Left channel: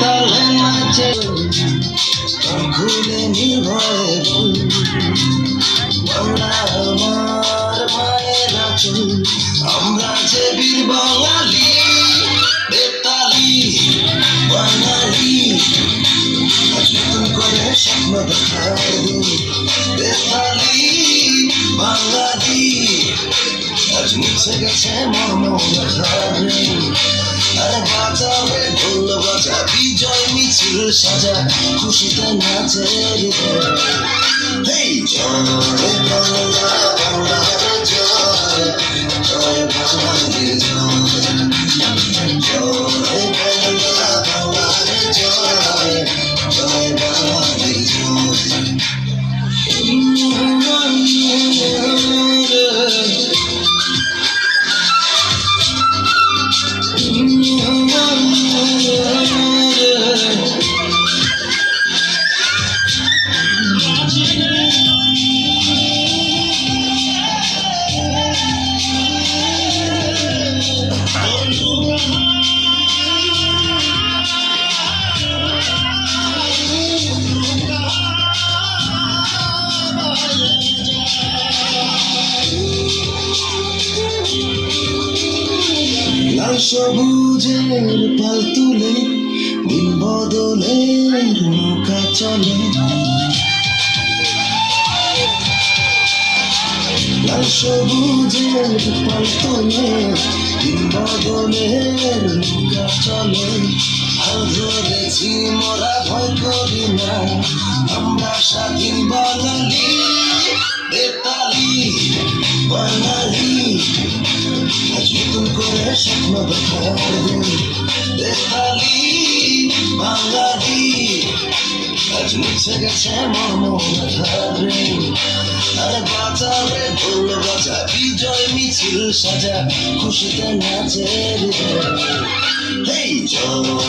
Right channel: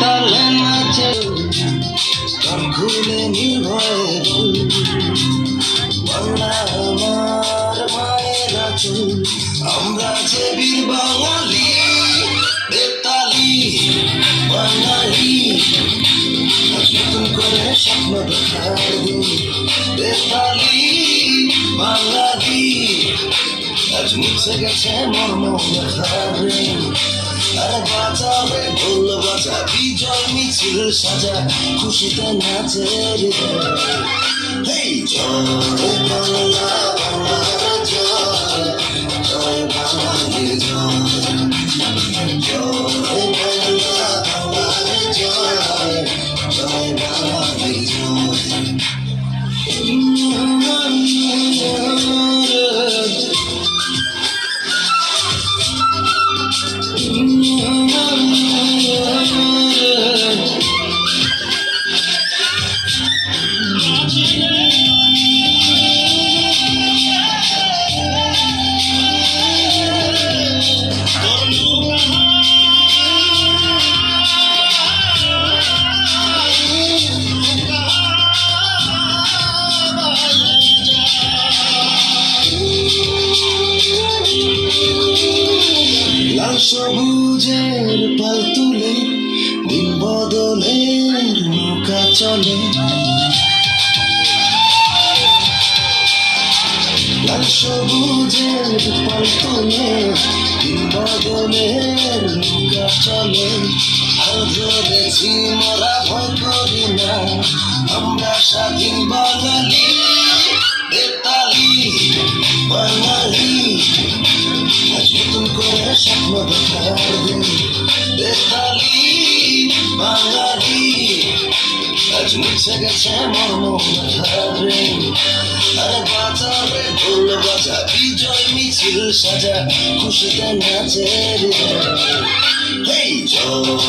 তালে নাচে ভুলে নির্ভয় বাংলা আমার মায়ের আঁচল আমরা যে বীর বাঙালি বেতালি বাঙালি নতুন করে স্বপ্ন দেখার বেতালি বাঙালি আজ মুছে গেছে মর্মরে আর বাজারে ঢোল বাজা বিজয় মিছিল সাজা খুশিতে নাচে এই জয় বাংলা বাংলার জয় জয় বাঙালির জয় জয় বাংলা বাংলার জয় জয় বাঙালির জয় লাল সবুজের পাল তুলে দিন বদলের নৌকা চলে লাল সবুজের পাল তুলে দিন বদলের নৌকা চলে আর ধরেছি মোরা ভয় করি না আমরা স্বাধীন বাঙালি বেতালি বাঙালি আজ নতুন করে স্বপ্ন দেখার বেতালি বাঙালি আজ মুছে গেছে মর্মরে আর বাজারে ঢোল বাজা বিজয় মিছিল সাজা খুশিতে নাচে এই জয়